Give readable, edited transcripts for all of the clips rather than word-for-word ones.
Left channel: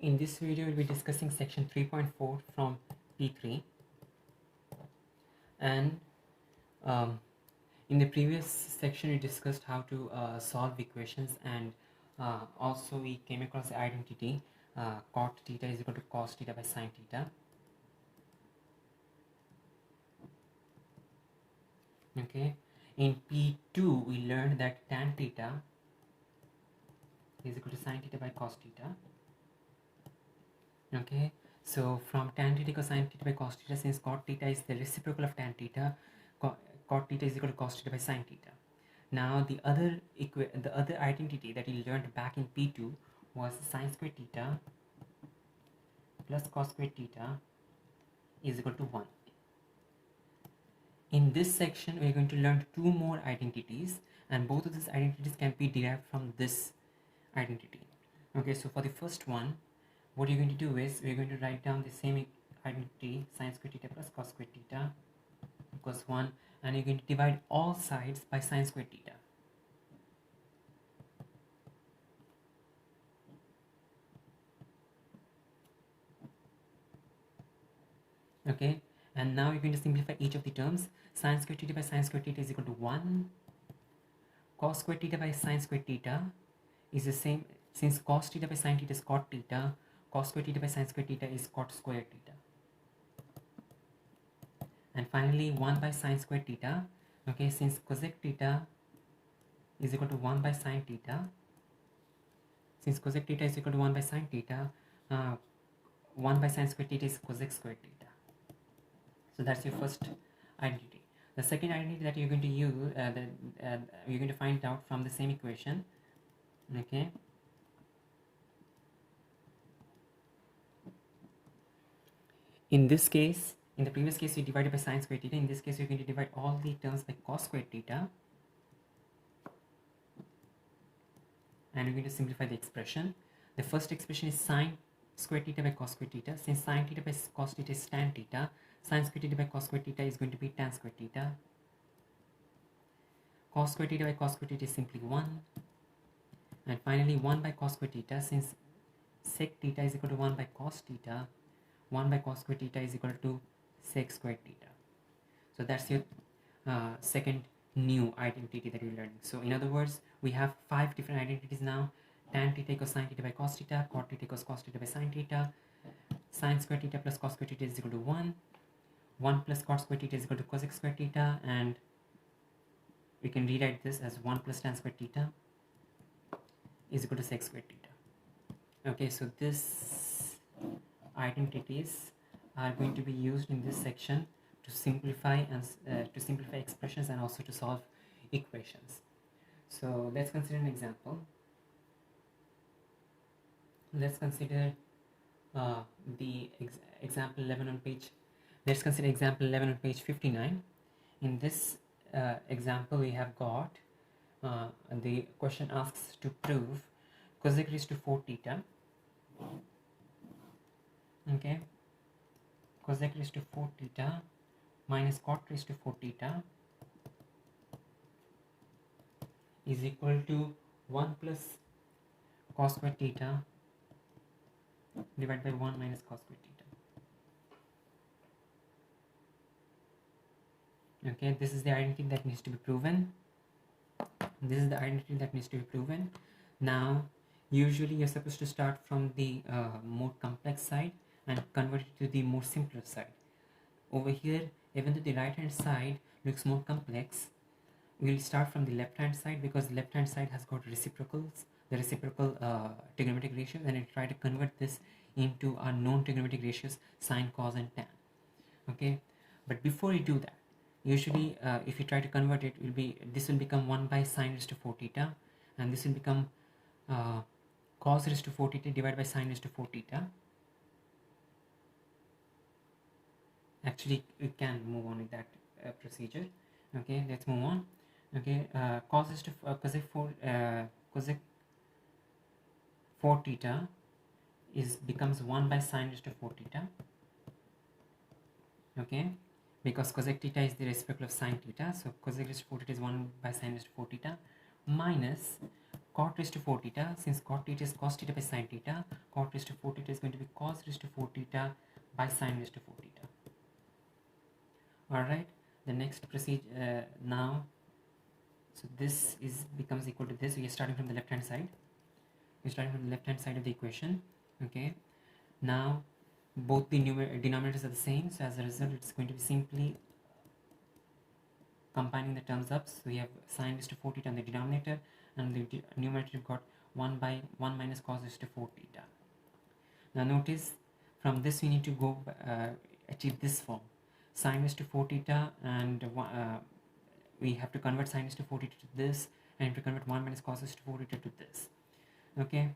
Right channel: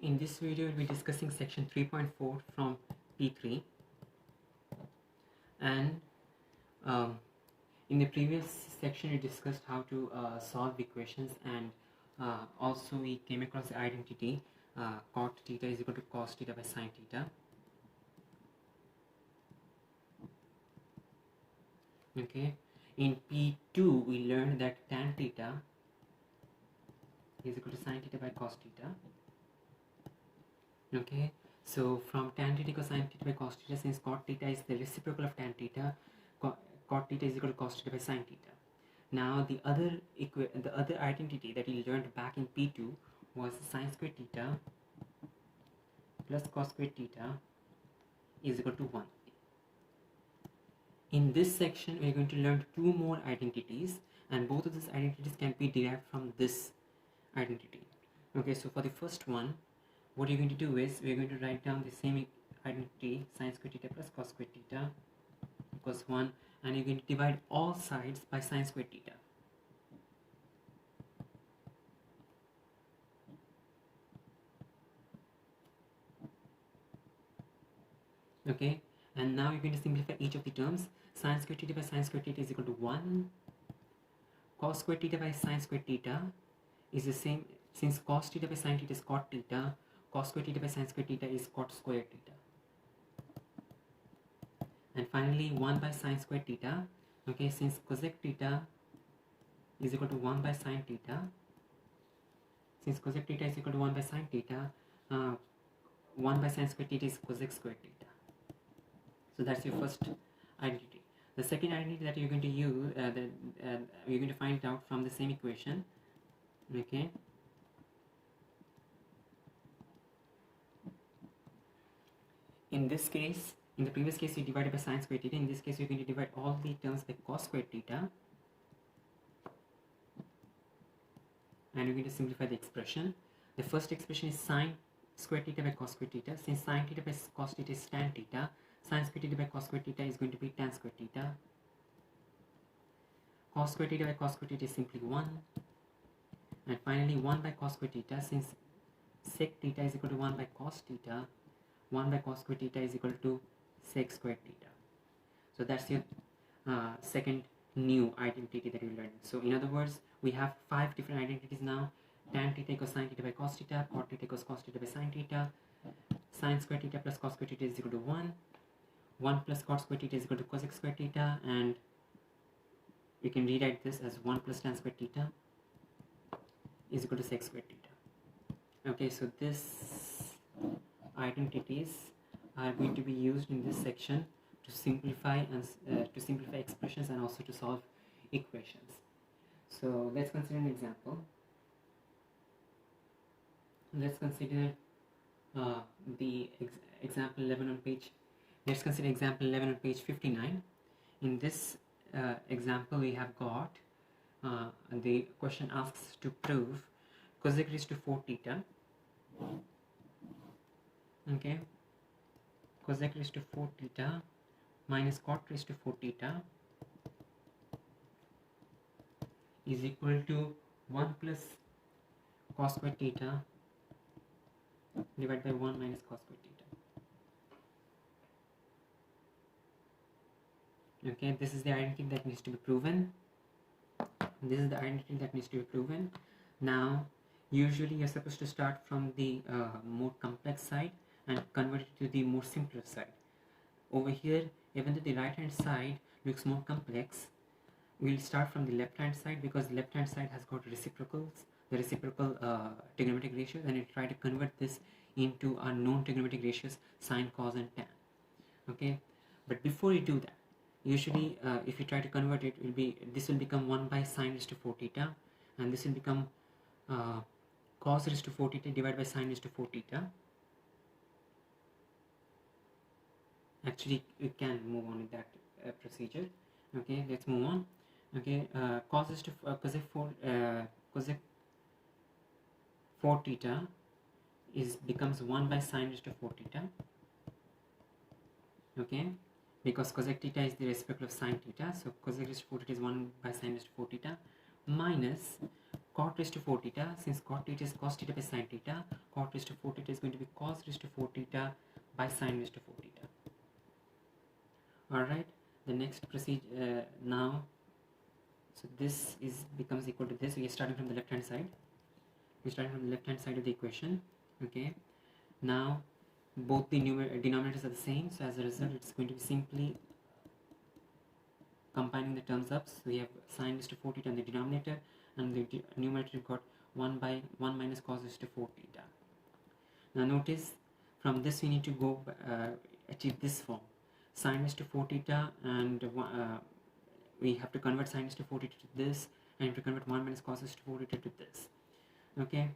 In this video, we'll be discussing section 3.4 from P3, and um, in the previous section we discussed how to solve equations, and also we came across the identity cot theta is equal to cos theta by sin theta. Okay, in P2 we learned that tan theta is equal to sin theta by cos theta. Okay, so from tan theta equals sin theta by cos theta, since cot theta is the reciprocal of tan theta, cot theta is equal to cos theta by sin theta. Now the other identity that we learned back in P2 was sin squared theta plus cos squared theta is equal to 1. In this section we are going to learn two more identities, and both of these identities can be derived from this identity. Okay, so for the first one, what you're going to do is we're going to write down the same identity, sin squared theta plus cos squared theta equals 1, and you're going to divide all sides by sin squared theta. Okay, and now you're going to simplify each of the terms. Sin squared theta by sin squared theta is equal to 1. Cos squared theta by sin squared theta is the same, since cos theta by sin theta is cot theta, cos squared theta by sin squared theta is cot squared theta. And finally 1 by sin squared theta. Okay, since cosec theta is equal to 1 by sin theta, since cosec theta is equal to 1 by sin theta, 1 by sin squared theta is cosec squared theta. So that's your first identity. The second identity that you're going to use, you're going to find out from the same equation. Okay. In this case, in the previous case, you divided by sin squared theta. In this case, you're going to divide all the terms by cos squared theta, and we're going to simplify the expression. The first expression is sin squared theta by cos squared theta. Since sin theta by cos theta is tan theta, sin squared theta by cos squared theta is going to be tan squared theta. Cos squared theta by cos squared theta is simply 1. And finally 1 by cos squared theta, since sec theta is equal to 1 by cos theta, 1 by cos squared theta is equal to sec squared theta. So that's your second new identity that we're learning. So in other words, we have 5 different identities now. Tan theta equals sin theta by cos theta, cot theta equals cos theta by sin theta, sin squared theta plus cos squared theta is equal to 1, 1 plus cot squared theta is equal to cosec squared theta, and we can rewrite this as 1 plus tan squared theta is equal to sec squared theta. Okay, so these identities are going to be used in this section to simplify expressions and also to solve equations. So let's consider an example. Let's consider example 11 on page. Let's consider example 11 on page 59. In this example, we have got the question asks to prove cosec raised to 4 theta. Okay, cosec raised to 4 theta minus cot raised to 4 theta is equal to 1 plus cos squared theta divided by 1 minus cos squared theta. Okay, this is the identity that needs to be proven. This is the identity that needs to be proven. Now, usually you're supposed to start from the more complex side and convert it to the more simpler side. Over here, even though the right hand side looks more complex, we'll start from the left hand side because the left hand side has got reciprocals, the reciprocal trigonometric ratios, and we'll try to convert this into our known trigonometric ratios, sine, cos, and tan. Okay, but before you do that, usually if you try to convert it, this will become 1 by sine raised to 4 theta, and this will become cos raised to 4 theta divided by sine raised to 4 theta. Actually, we can move on with that procedure. Okay, let's move on. Okay, cos raised to cosec 4 theta becomes 1 by sine raised to 4 theta. Okay, because cosec theta is the reciprocal of sine theta, so cosec raised to 4 theta is 1 by sine raised to 4 theta minus cot raised to 4 theta. Since cot theta is cos theta by sin theta, cot raised to 4 theta is going to be cos raised to 4 theta by sin raised to 4 theta. Alright, the next procedure now, so this becomes equal to this. We are starting from the left hand side. We're starting from the left hand side of the equation. Okay, now both the denominators are the same, so as a result it's going to be simply combining the terms up. So we have sin raised to 4 theta in the denominator, and the numerator you've got 1 by 1 minus cos raised to 4 theta. Now notice, from this we need to go achieve this form, sin raised to 4 theta, and we have to convert sin raised to 4 theta to this, and to convert 1 minus cos raised to 4 theta to this. Okay,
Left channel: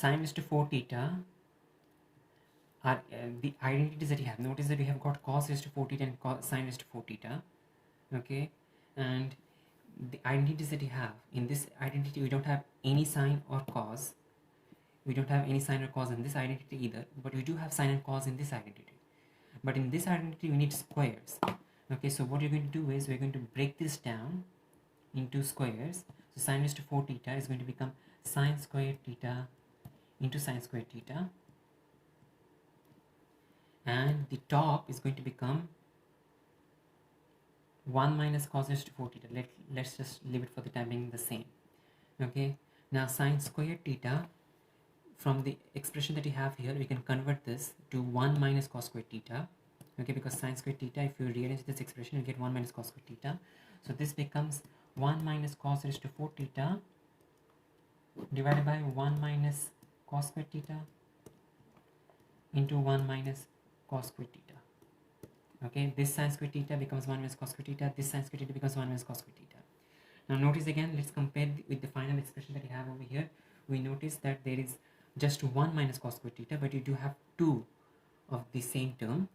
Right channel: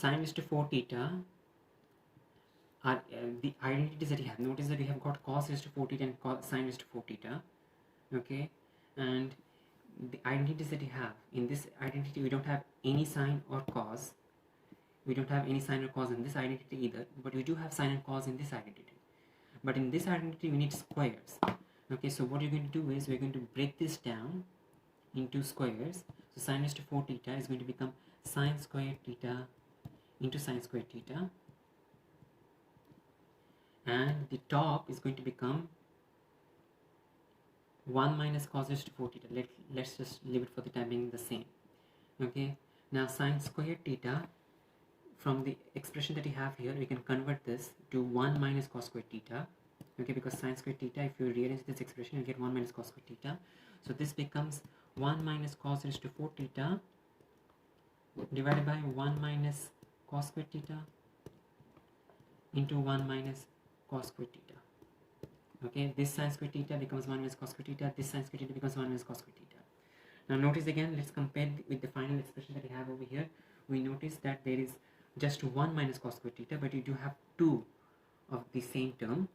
sin raised to 4 theta are the identities that you have. Notice that we have got cos raised to 4 theta and sin raised to 4 theta. Okay, and the identities that you have, in this identity we don't have any sine or cos. We don't have any sine or cos in this identity either, but we do have sine and cos in this identity. But in this identity we need squares. Okay, so what you're going to do is we're going to break this down into squares. So sin raised to 4 theta is going to become sine squared theta into sine squared theta, and the top is going to become 1 minus cos raised to 4 theta. Let's just leave it for the time being the same. Okay, now sine squared theta, from the expression that you have here, we can convert this to 1 minus cos squared theta. Okay, because sine squared theta, if you rearrange this expression, you get 1 minus cos squared theta. So this becomes 1 minus cos raised to 4 theta divided by 1 minus cos squared theta into 1 minus cos squared theta. Okay, this sin squared theta becomes 1 minus cos squared theta, this sin squared theta becomes 1 minus cos squared theta. Now notice again, let's compare with the final expression that you have over here. We notice that there is just 1 minus cos squared theta, but you do have 2 of the same term.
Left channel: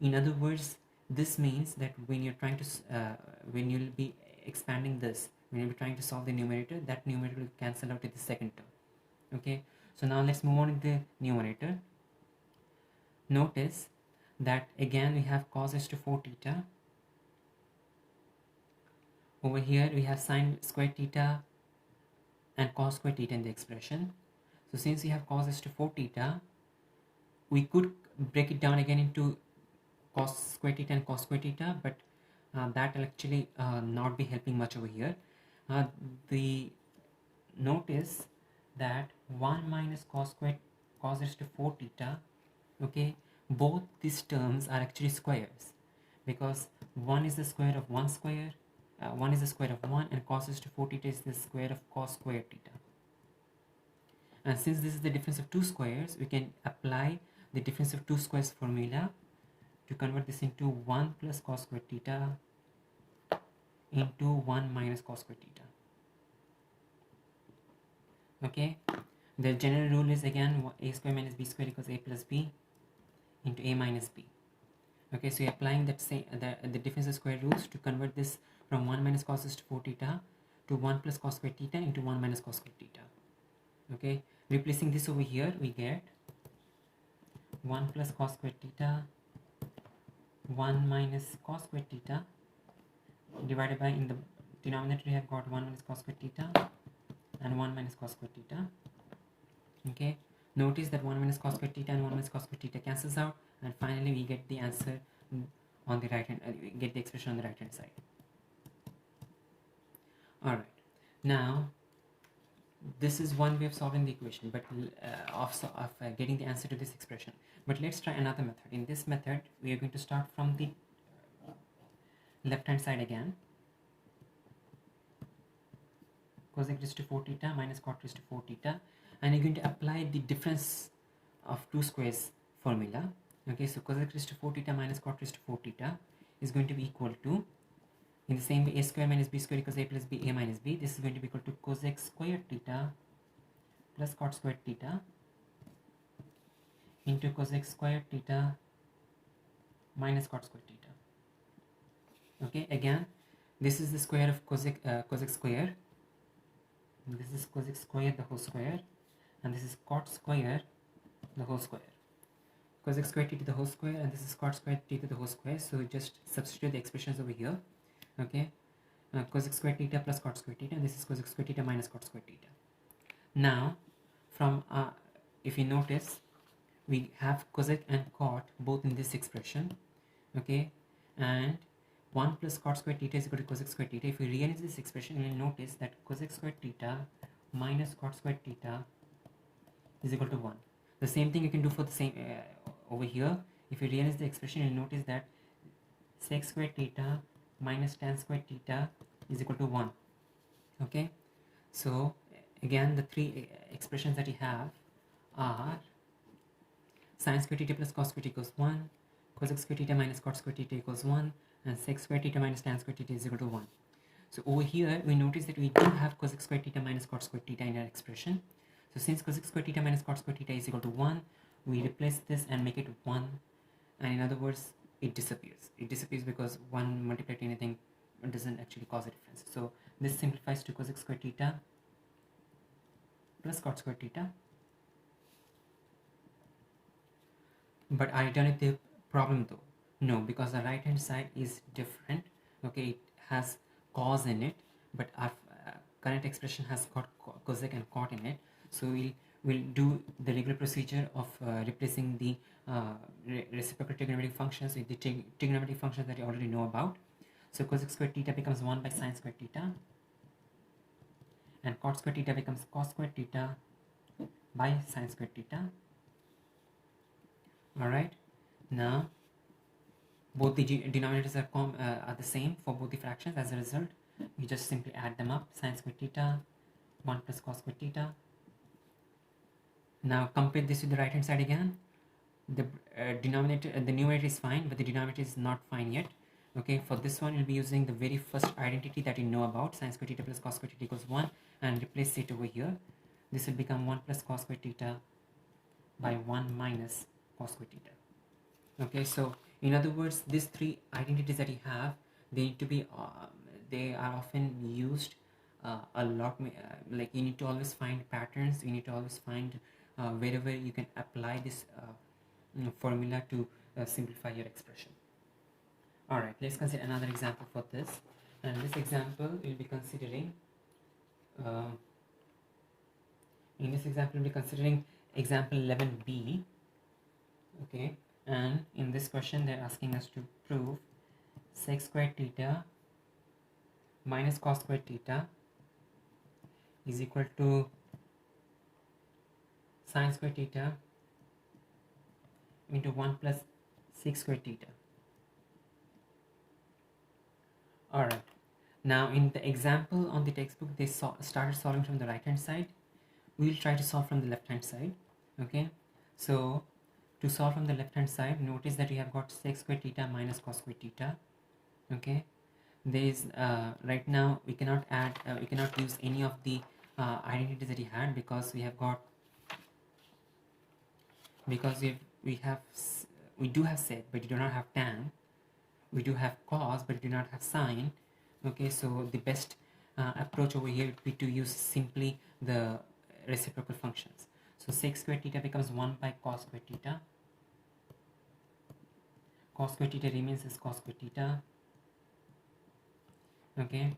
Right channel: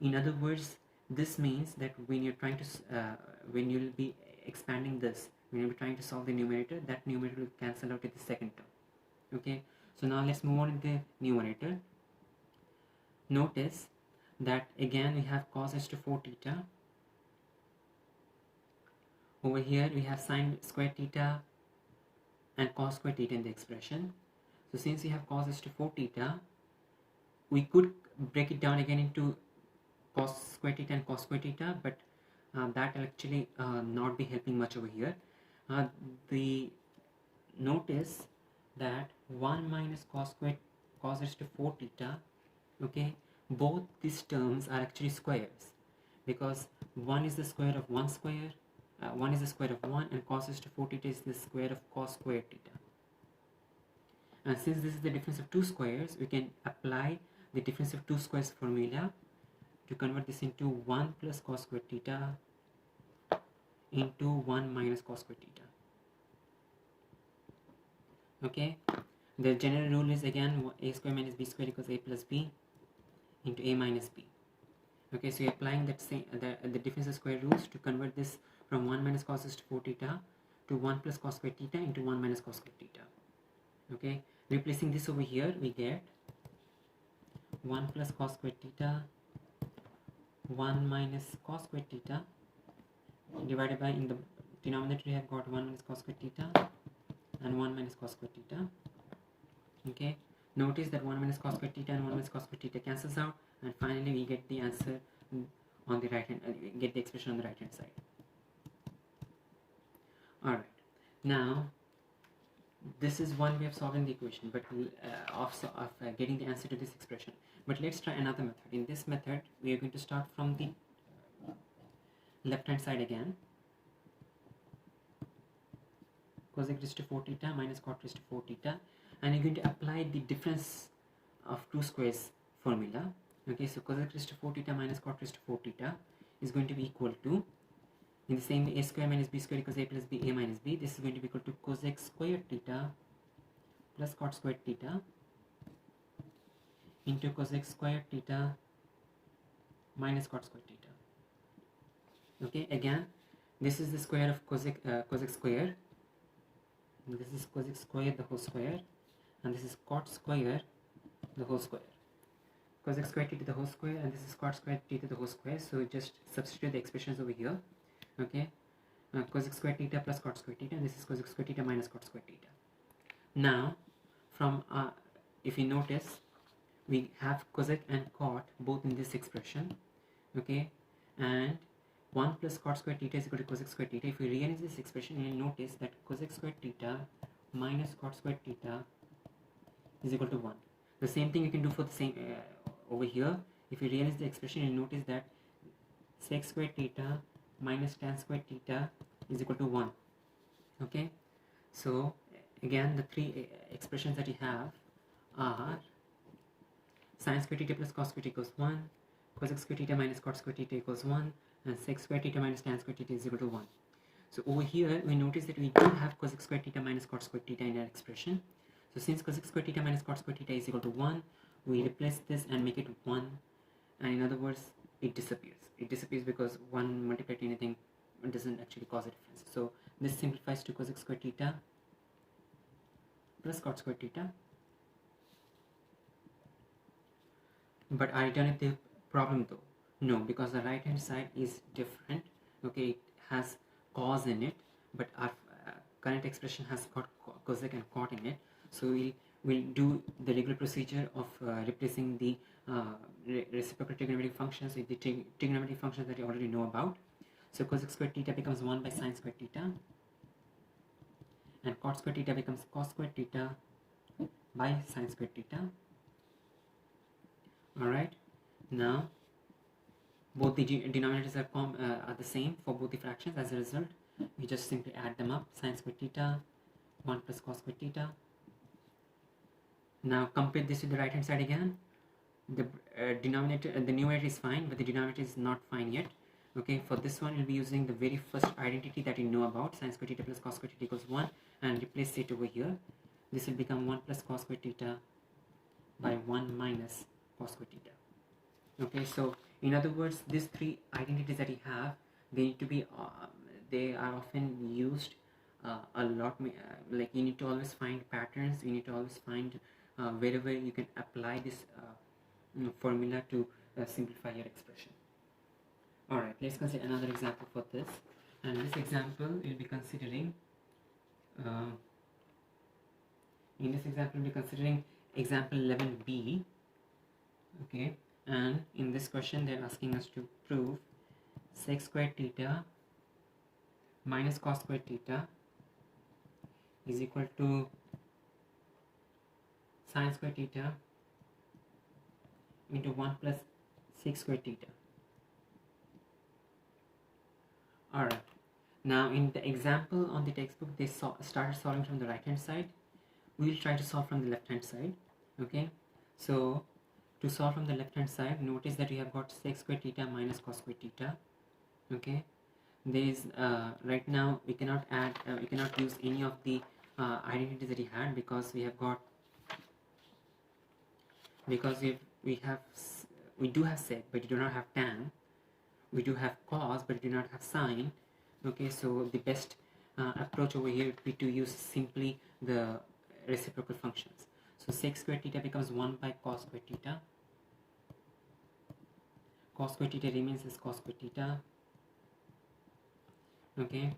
In other words, this means that when you're trying to when you'll be expanding this, when you're trying to solve the numerator, that numerator will cancel out with the second term. Okay, so now let's move on to the numerator. Notice that again we have cos raised to 4 theta. Over here we have sine squared theta and cos squared theta in the expression. So since we have cos raised to 4 theta, we could break it down again into cos squared theta and cos squared theta, but that will actually not be helping much over here. The notice that 1 minus cos raised to 4 theta, okay, both these terms are actually squares, because 1 is the square of 1 square, 1 is the square of 1, and cos raised to 4 theta is the square of cos squared theta. And since this is the difference of two squares, we can apply the difference of two squares formula to convert this into 1 plus cos squared theta into 1 minus cos squared theta. Okay, the general rule is again a square minus b square equals a plus b into a minus b. Okay, so you're applying that same the difference of square rules to convert this from 1 minus cos raised to 4 theta to 1 plus cos squared theta into 1 minus cos squared theta. Okay, replacing this over here, we get 1 plus cos squared theta 1 minus cos squared theta divided by, in the denominator we have got 1 minus cos squared theta and 1 minus cos squared theta. Okay, notice that 1 minus cos squared theta and 1 minus cos squared theta cancels out, and finally we get the answer on the right hand, get the expression on the right hand side. Alright, now this is one way of solving the equation, but of getting the answer to this expression. But let's try another method. In this method, we are going to start from the left hand side again. Cosec raised to 4 theta minus cot raised to 4 theta, and you're going to apply the difference of two squares formula. Okay, so cosec raised to 4 theta minus cot raised to 4 theta is going to be equal to, in the same way, a square minus b square equals a plus b, a minus b. This is going to be equal to cosec squared theta plus cot squared theta into cosec squared theta minus cot squared theta. Okay, again, this is the square of cosec square. This is cosec square the whole square, and this is cot square the whole square. Cosec square t to the whole square, and this is cot square t to the whole square, so just substitute the expressions over here. Okay, cosec square theta plus cot square theta, and this is cosec square theta minus cot square theta. Now from if you notice, we have cosec and cot both in this expression. Okay, and 1 plus cot square theta is equal to cosec square theta. If we rearrange this expression, you will notice that cosec square theta minus cot square theta is equal to 1. The same thing you can do for the same over here. If you rearrange the expression, you will notice that sec square theta minus tan square theta is equal to 1. Okay, so again the three expressions that you have are sin square theta plus cos square theta equals 1, cosec square theta minus cot square theta equals 1, and sec square theta minus tan square theta is equal to 1. So over here we notice that we do have cosec square theta minus cot square theta in our expression. So since cosec square theta minus cot square theta is equal to 1, we replace this and make it 1, and in other words it disappears. It disappears because 1 multiplied to anything doesn't actually cause a difference. So this simplifies to cosec square theta plus cot square theta. But are you done with the problem though? No, because the right hand side is different. Okay, it has cos in it, but our current expression has got cosec and cot in it. So we'll do the regular procedure of replacing the reciprocal trigonometric functions with the trigonometric functions that you already know about. So cosec square theta becomes 1 by sin square theta, and cot square theta becomes cos square theta by sin square theta. Alright, now both the denominators are the same for both the fractions. As a result, you just simply add them up. Sin square theta 1 plus cos square theta. Now compare this with the right hand side again. The numerator is fine, but the denominator is not fine yet. Okay, for this one, you'll be using the very first identity that you know about, sin square theta plus cos square theta equals 1, and replace it over here. This will become 1 plus cos square theta by 1 minus cos square theta. Okay, so in other words, these three identities that you have, they need to be they are often used a lot. Like you need to always find patterns. You need to always find wherever you can apply this formula to simplify your expression. Alright, let's consider another example for this. And this example we'll be considering example 11b. Okay, and in this question they're asking us to prove sec square theta minus cos square theta is equal to sin square theta into 1 plus sec square theta. Alright, now in the example on the textbook they started solving from the right hand side. We'll try to solve from the left hand side. Okay, so to solve from the left hand side, notice that you have got sec square theta minus cos square theta. Okay, there is right now we cannot add we cannot use any of the identities that we had, because we have got we do have sec but we do not have tan. We do have cos but we do not have sine. Okay, so the best approach over here would be to use simply the reciprocal functions. So sec square theta becomes 1 by cos square theta. Cos square theta remains as cos square theta. Okay,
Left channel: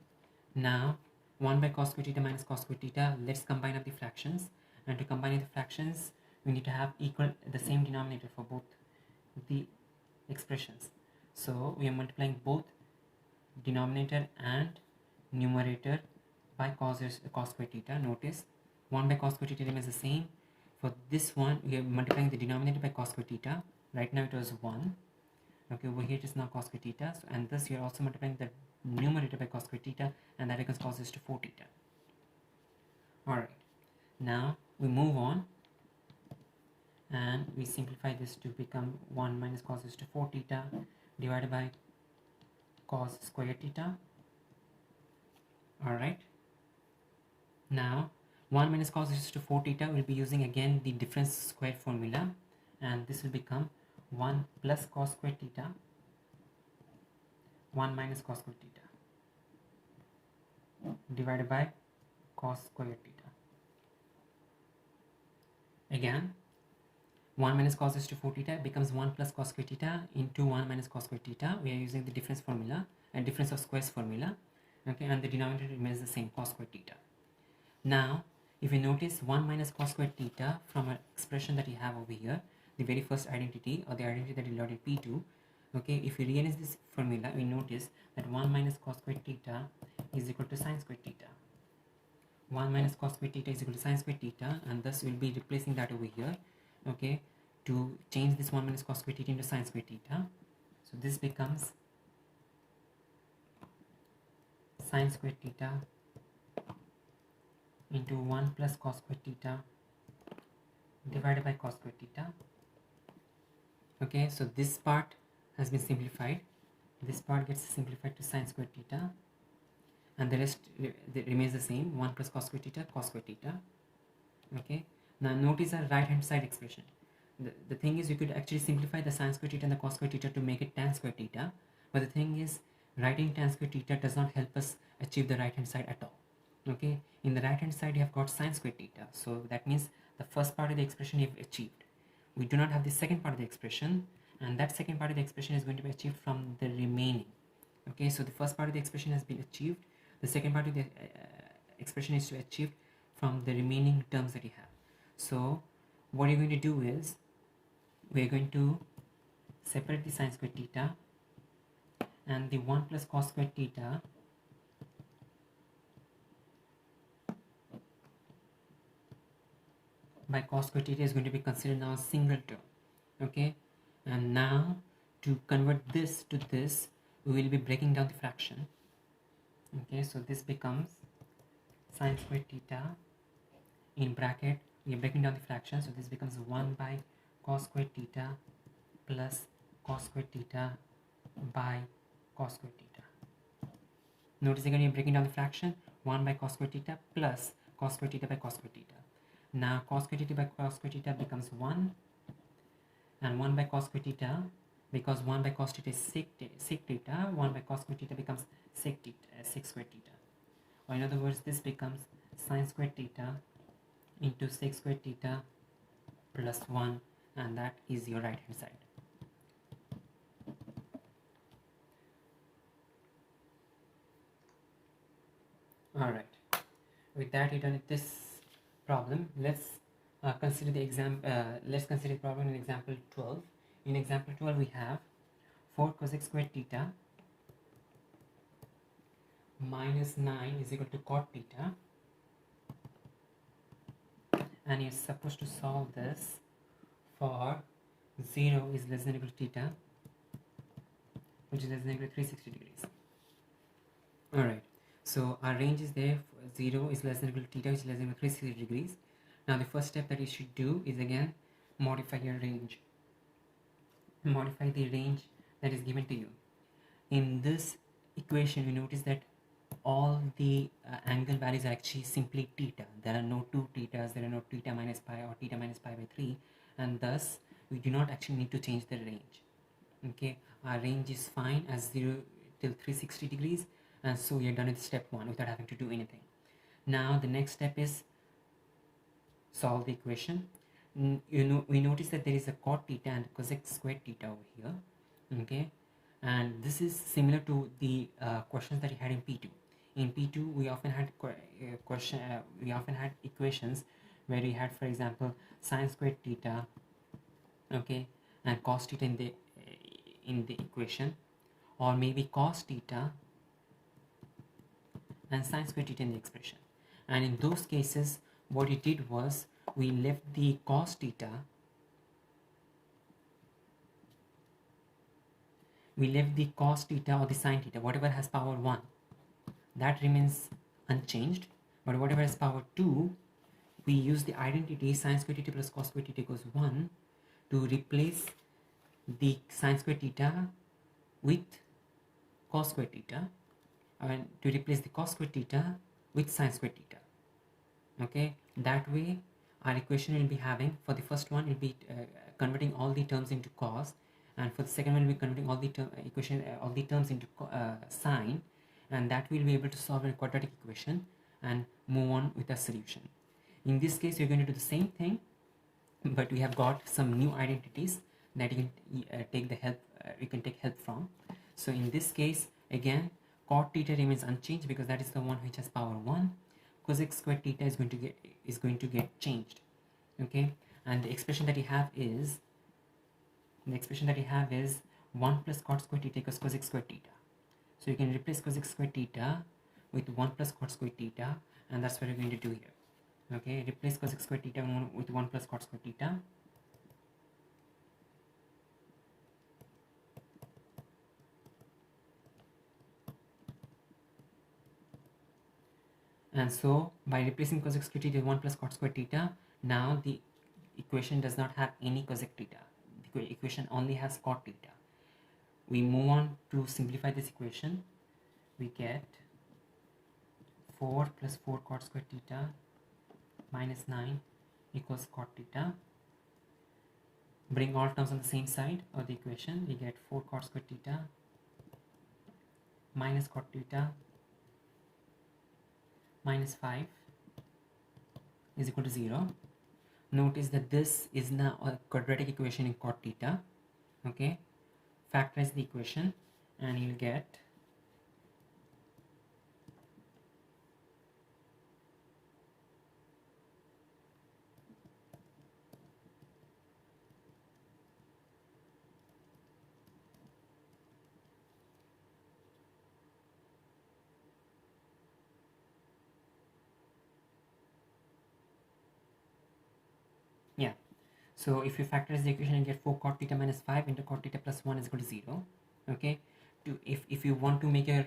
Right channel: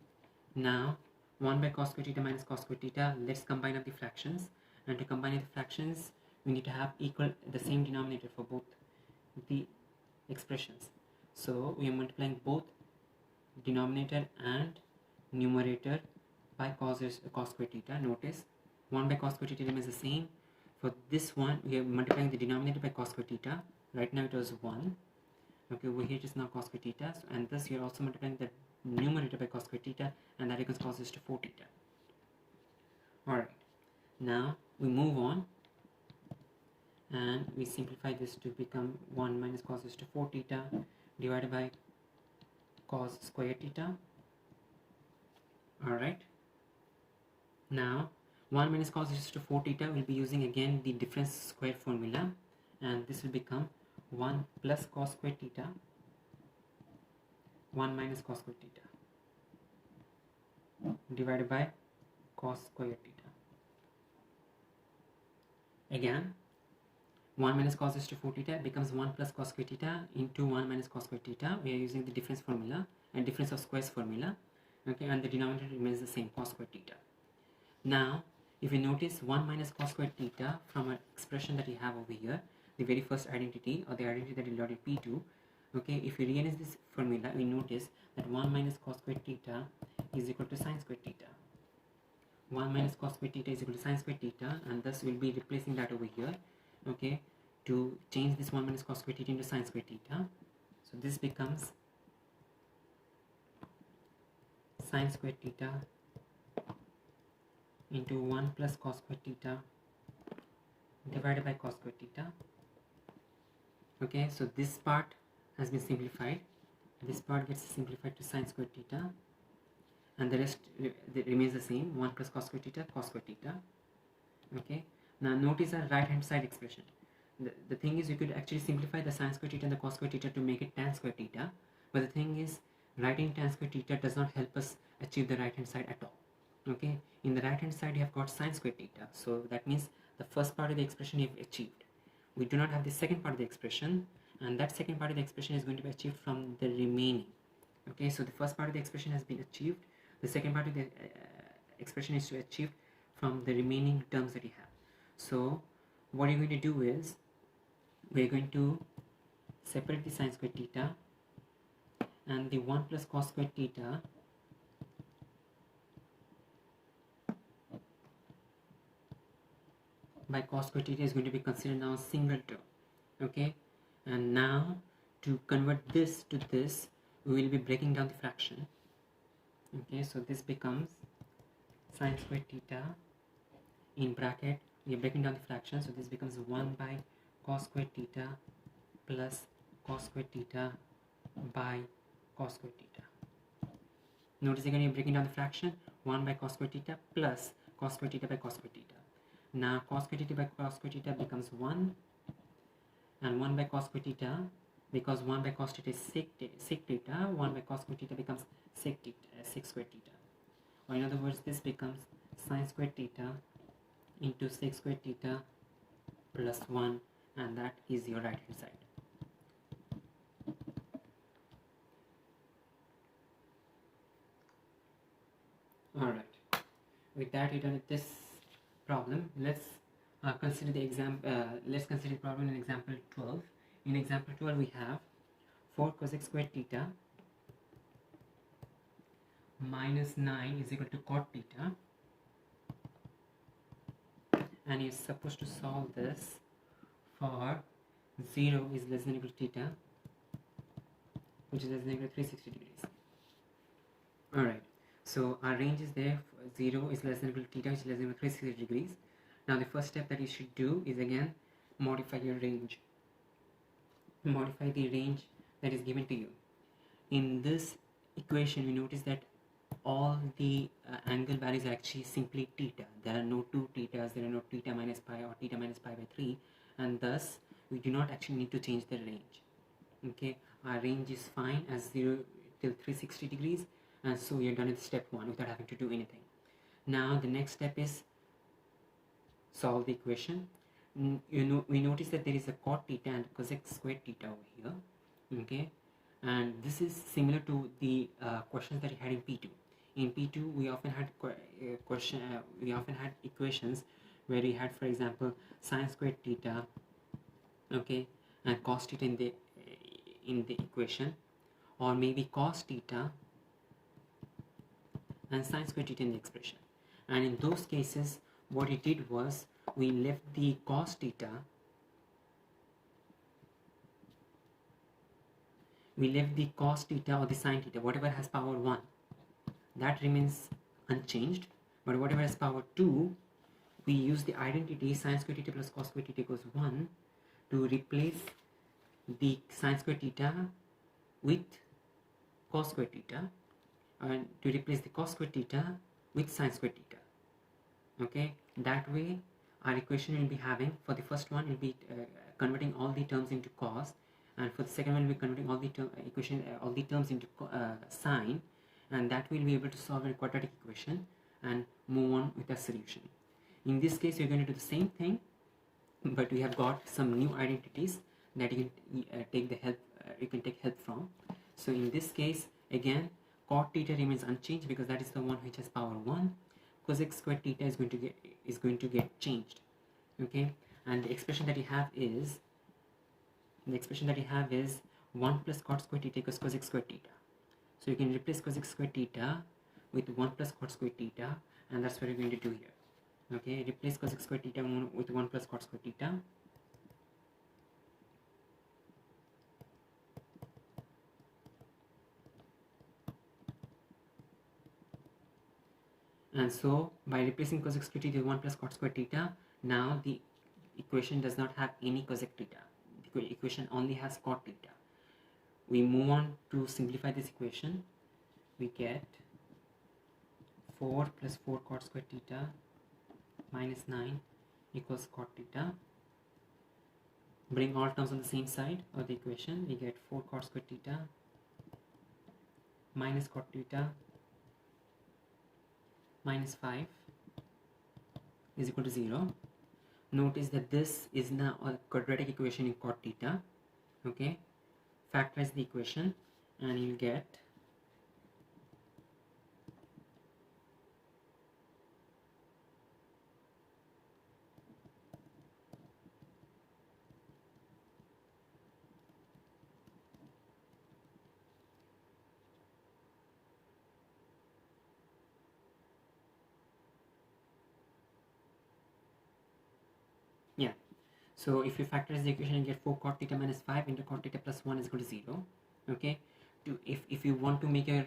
now 1 by cos square theta minus cos square theta. Let's combine up the fractions, and to combine the fractions we need to have the same denominator for both the expressions. So we are multiplying both denominator and numerator by cos square theta. Notice 1 by cos square theta remains the same. For this one we are multiplying the denominator by cos square theta. Right now it was 1. Okay, over here it is now cos square theta, and thus we are also multiplying the numerator by cos square theta, and that becomes cos raised to 4 theta. Alright, now we move on and we simplify this to become 1 minus cos raised to 4 theta divided by cos square theta. Alright, now 1 minus cos raised to 4 theta will be using again the difference square formula, and this will become 1 plus cos square theta 1 minus cos square theta divided by cos square theta. Again 1 minus cos raised to 4 theta becomes 1 plus cos square theta into 1 minus cos square theta. We are using the difference formula and difference of squares formula. Okay, and the denominator remains the same, cos square theta. Now, if you notice 1 minus cos square theta from an expression that you have over here, the very first identity or the identity that you learned in P2, okay, if we rearrange this formula, we notice that 1 minus cos square theta is equal to sin square theta. 1 minus cos square theta is equal to sin square theta, and thus we'll be replacing that over here, okay, to change this 1 minus cos square theta into sin square theta. So this becomes sin square theta into 1 plus cos square theta divided by cos square theta. Okay, so this part has been simplified. This part gets simplified to sin square theta, and the rest remains the same, 1 plus cos square theta, cos square theta. Okay, now notice our right hand side expression. The thing is, you could actually simplify the sin square theta and the cos square theta to make it tan square theta, but the thing is, writing tan square theta does not help us achieve the right hand side at all. Okay, in the right hand side you have got sin square theta, so that means the first part of the expression you have achieved. We do not have the second part of the expression, and that second part of the expression is going to be achieved from the remaining. Okay, so the first part of the expression has been achieved, the second part of the expression is to be achieved from the remaining terms that you have. So what you're going to do is, we're going to separate the sin square theta, and the 1 plus cos square theta by cos square theta is going to be considered now a single term. Okay, and now to convert this to this, we will be breaking down the fraction. Okay, so this becomes sin square theta in bracket, we are breaking down the fraction, so this becomes 1 by cos square theta plus cos square theta by cos square theta. Notice again, you're breaking down the fraction, 1 by cos square theta plus cos square theta by cos square theta. Now cos square theta by cos square theta becomes 1, and 1 by cos square theta, because 1 by cos theta is sec theta, 1 by cos square theta becomes sec square theta. Or in other words, this becomes sin square theta into sec square theta plus 1, and that is your right hand side. Alright, with that you done with this problem. Let's consider the problem in example 12. In example 12 we have 4 cosec squared theta minus 9 is equal to cot theta, and you're supposed to solve this for 0 is less than or equal to theta, which is less than or equal to 360 degrees. Alright, so our range is there, 0 is less than or equal to theta, which is less than or equal to 360 degrees. Now the first step that you should do is again modify your range. Modify the range that is given to you. In this equation, you notice that all the angle values are actually simply theta. There are no 2 thetas, there are no theta minus pi or theta minus pi by 3, and thus we do not actually need to change the range. Okay, our range is fine as 0 till 360 degrees, and so we are done with step 1 without having to do anything. Now the next step is solve the equation. We notice that there is a cot theta and cosec squared theta over here. Okay, and this is similar to the questions that you had in P2. In P2 we often had equations where we had, for example, sin squared theta, okay, and cos theta in the equation, or maybe cos theta and sin squared theta in the expression. And in those cases, what we did was we left the cos theta, or the sin theta, whatever has power 1, that remains unchanged, but whatever has power 2, we use the identity sin square theta plus cos square theta equals 1 to replace the sin square theta with cos square theta, and to replace the cos square theta with sin square theta. Okay, that way our equation will be having, for the first one will be converting all the terms into cos, and for the second one will be converting all the terms into sine, and that will be able to solve a quadratic equation and move on with a solution. In this case, you're going to do the same thing, but we have got some new identities that you can take the help you can take help from. So in this case, again, cot theta remains unchanged because that is the one which has power 1. Cosec squared theta is going to get changed. Okay, and the expression that you have is 1 plus cot squared theta equals cosec squared theta. So you can replace cosec squared theta with 1 plus cot squared theta, and that's what we're going to do here. Okay, replace cosec squared theta with 1 plus cot squared theta. And so by replacing cosec squared theta with 1 plus cot squared theta, now the equation does not have any cosec theta. The equation only has cot theta. We move on to simplify this equation. We get 4 plus 4 cot squared theta minus 9 equals cot theta. Bring all terms on the same side of the equation. We get 4 cot squared theta minus cot theta minus 5 is equal to 0. Notice that this is now a quadratic equation in cot theta. Okay, factorize the equation and you'll get so if you factorize the equation, you get 4 cot theta minus 5 into cot theta plus 1 is equal to 0. Okay, if you want to make your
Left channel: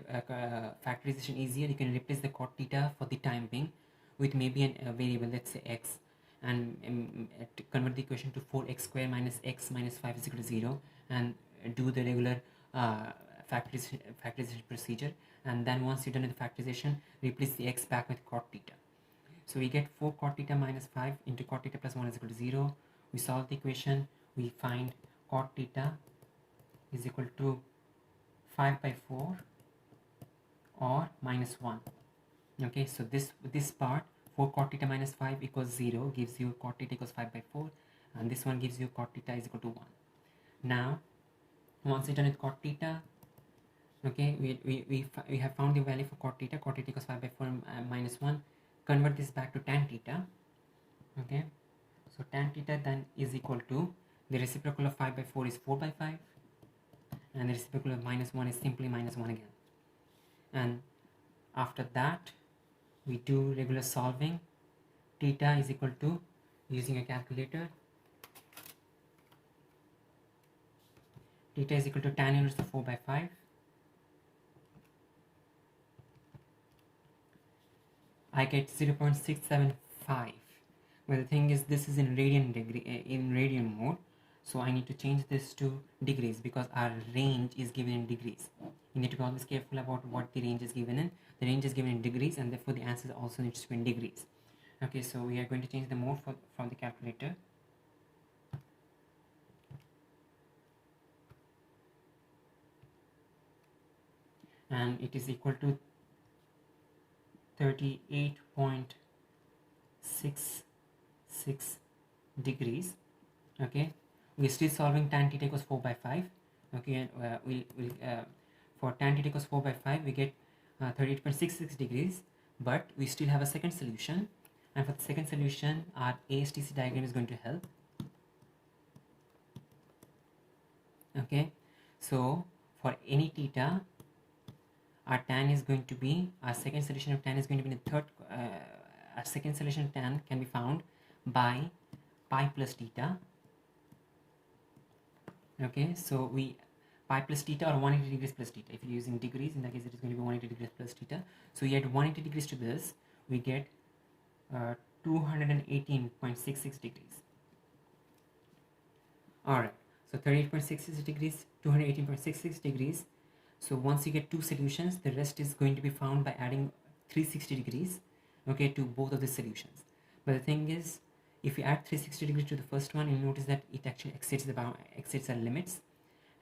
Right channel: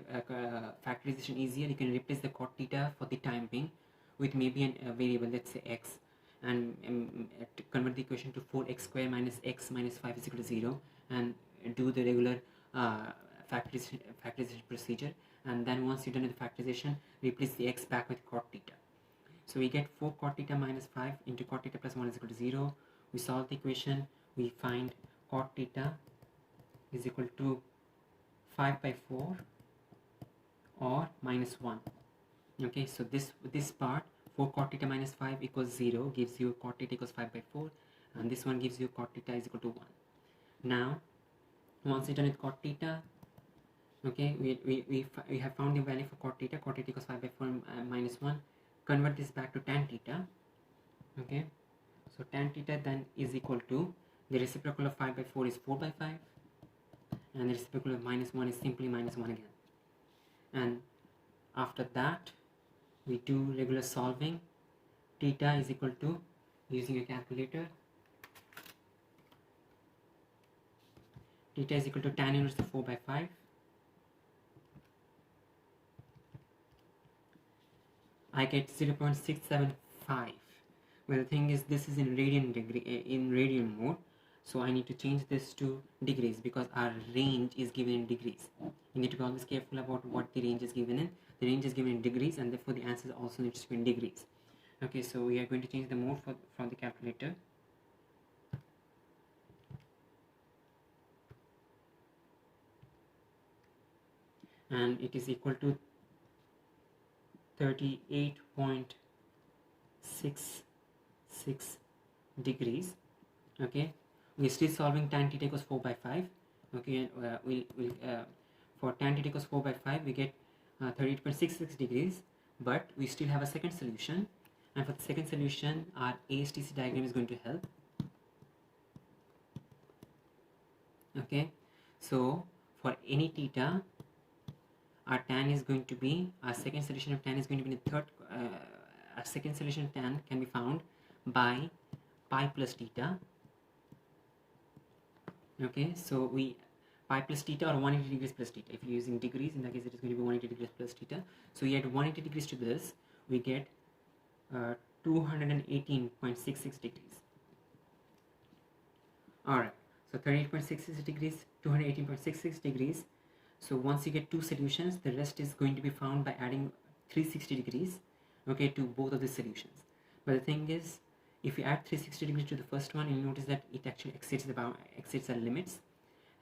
factorization easier, you can replace the cot theta for the time being with maybe a variable, let's say x, and to convert the equation to 4x square minus x minus 5 is equal to 0, and do the regular factorization procedure. And then once you're done with the factorization, replace the x back with cot theta. So we get 4 cot theta minus 5 into cot theta plus 1 is equal to 0. We solve the equation. We find cot theta is equal to 5 by 4 or minus 1. Okay, so this part, 4 cot theta minus 5 equals 0, gives you cot theta equals 5 by 4, and this one gives you cot theta is equal to 1. Now once you're done with cot theta, okay, we have found the value for cot theta equals 5 by 4 minus 1. Convert this back to tan theta. Okay, so tan theta then is equal to, the reciprocal of 5 by 4 is 4 by 5, and the reciprocal of minus 1 is simply minus 1 again. And after that we do regular solving. Theta is equal to, using a calculator, theta is equal to tan inverse of 4 by 5. I get 0.675. But the thing is, this is in radian mode, so I need to change this to degrees because our range is given in degrees. You need to be always careful about what the range is given in. The range is given in degrees, and therefore the answer also needs to be in degrees. Okay, so we are going to change the mode from the calculator. And it is equal to 38.66 degrees. Okay, we're still solving tan theta equals 4 by 5. Okay, for tan theta equals 4 by 5 we get 38.66 degrees, but we still have a second solution, and for the second solution our ASTC diagram is going to help. Okay, so for any theta, our tan is going to be, our second solution of tan is going to be the third, our second solution of tan can be found by pi plus theta. Okay, so pi plus theta or 180 degrees plus theta. If you're using degrees, in that case it is going to be 180 degrees plus theta. So we add 180 degrees to this, we get 218.66 degrees. Alright, so 38.66 degrees, 218.66 degrees. So once you get two solutions, the rest is going to be found by adding 360 degrees, okay, to both of the solutions. But the thing is, if you add 360 degrees to the first one, you'll notice that it actually exceeds the limits.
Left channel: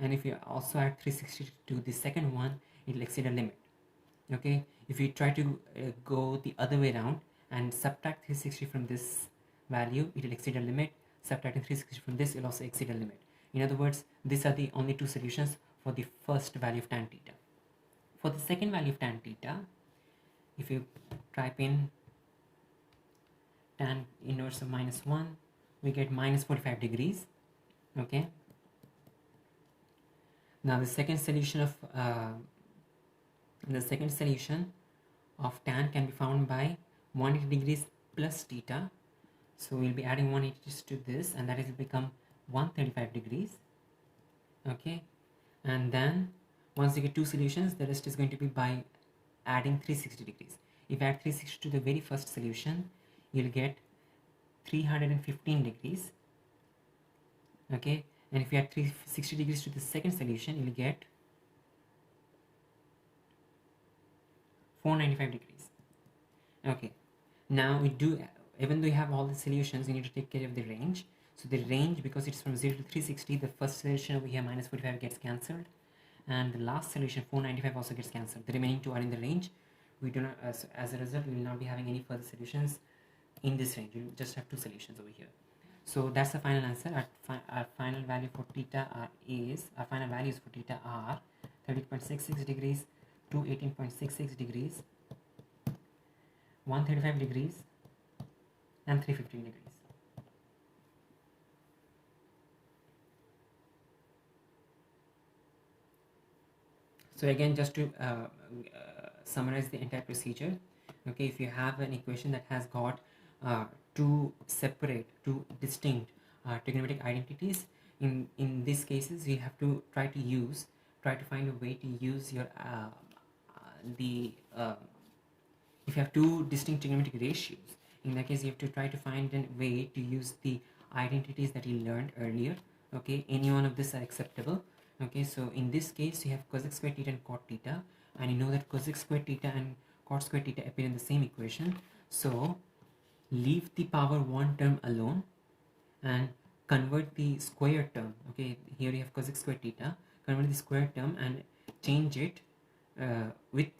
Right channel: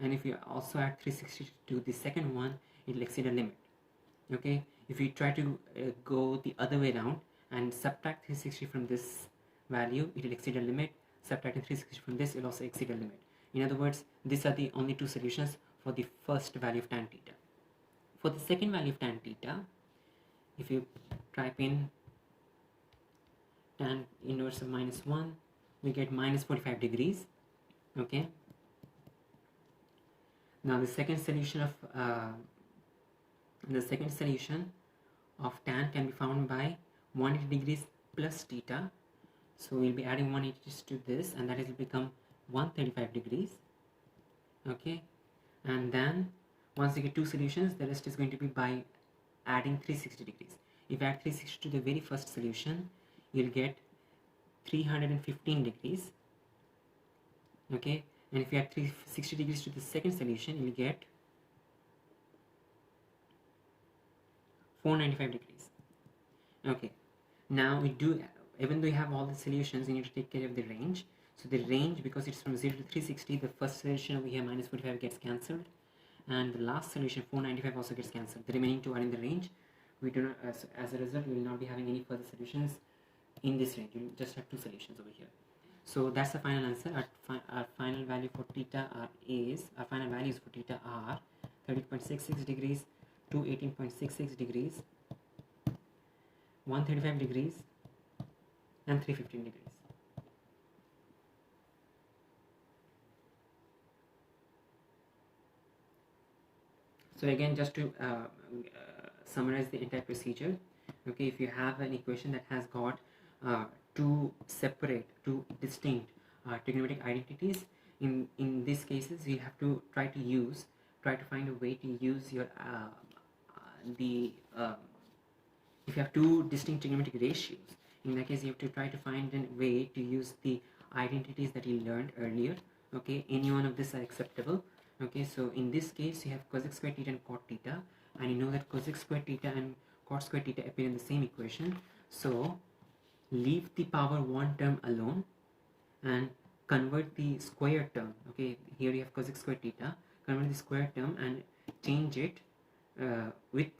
And if you also add 360 to the second one, it will exceed a limit. Okay, if you try to go the other way around and subtract 360 from this value, it will exceed a limit. subtracting 360 from this will also exceed a limit. In other words, these are the only two solutions for the first value of tan theta. For the second value of tan theta, if you type in tan inverse of -1, we get minus 45 degrees. Okay. Now the second solution of tan can be found by 180 degrees plus theta. So we'll be adding 180 to this, and that will become 135 degrees. Okay, and then once you get two solutions, the rest is going to be by adding 360 degrees. If you add 360 to the very first solution, you'll get 315 degrees. Okay, and if you add 360 degrees to the second solution, you'll get 495 degrees. Okay, now we do, even though you have all the solutions, you need to take care of the range. So the range, because it's from 0 to 360, the first solution over here minus 45 gets cancelled, and the last solution 495 also gets cancelled. The remaining two are in the range. We do not, as a result, we will not be having any further solutions in this range. We will just have two solutions over here. So that's the final answer. Our final value for theta our final values for theta are 30.66 degrees to 18.66 degrees, 135 degrees, and 315 degrees. So again, just to summarize the entire procedure, okay, if you have an equation that has got two distinct trigonometric identities, in these cases you have to try to find a way to use your if you have two distinct trigonometric ratios, in that case you have to try to find a way to use the identities that you learned earlier. Okay, any one of these are acceptable. Okay, so in this case you have cosec square theta and cot theta, and you know that cosec square theta and cot square theta appear in the same equation. So leave the power 1 term alone and convert the square term. Okay, here you have cosec square theta, convert the square term and change it with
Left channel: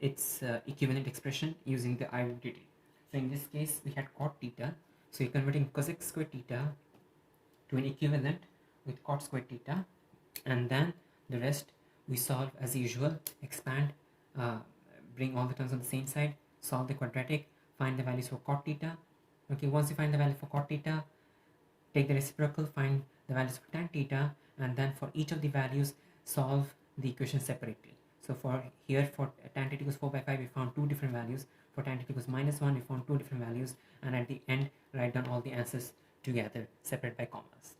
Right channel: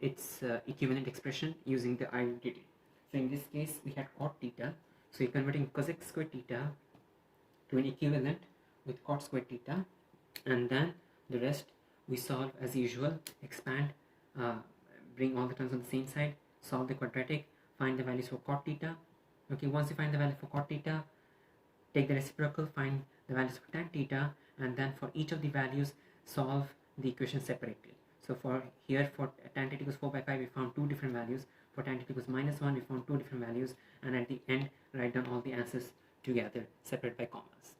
its equivalent expression using the identity. So in this case we had cot theta, so you're converting cosec square theta to an equivalent with cot square theta, and then the rest we solve as usual, expand, bring all the terms on the same side, solve the quadratic, find the values for cot theta. Okay, once you find the value for cot theta, take the reciprocal, find the values for tan theta, and then for each of the values solve the equation separately. So for here, for tan theta equals 4/5, we found two different values. For tan theta equals -1, we found two different values, and at the end write down all the answers together, separate by commas.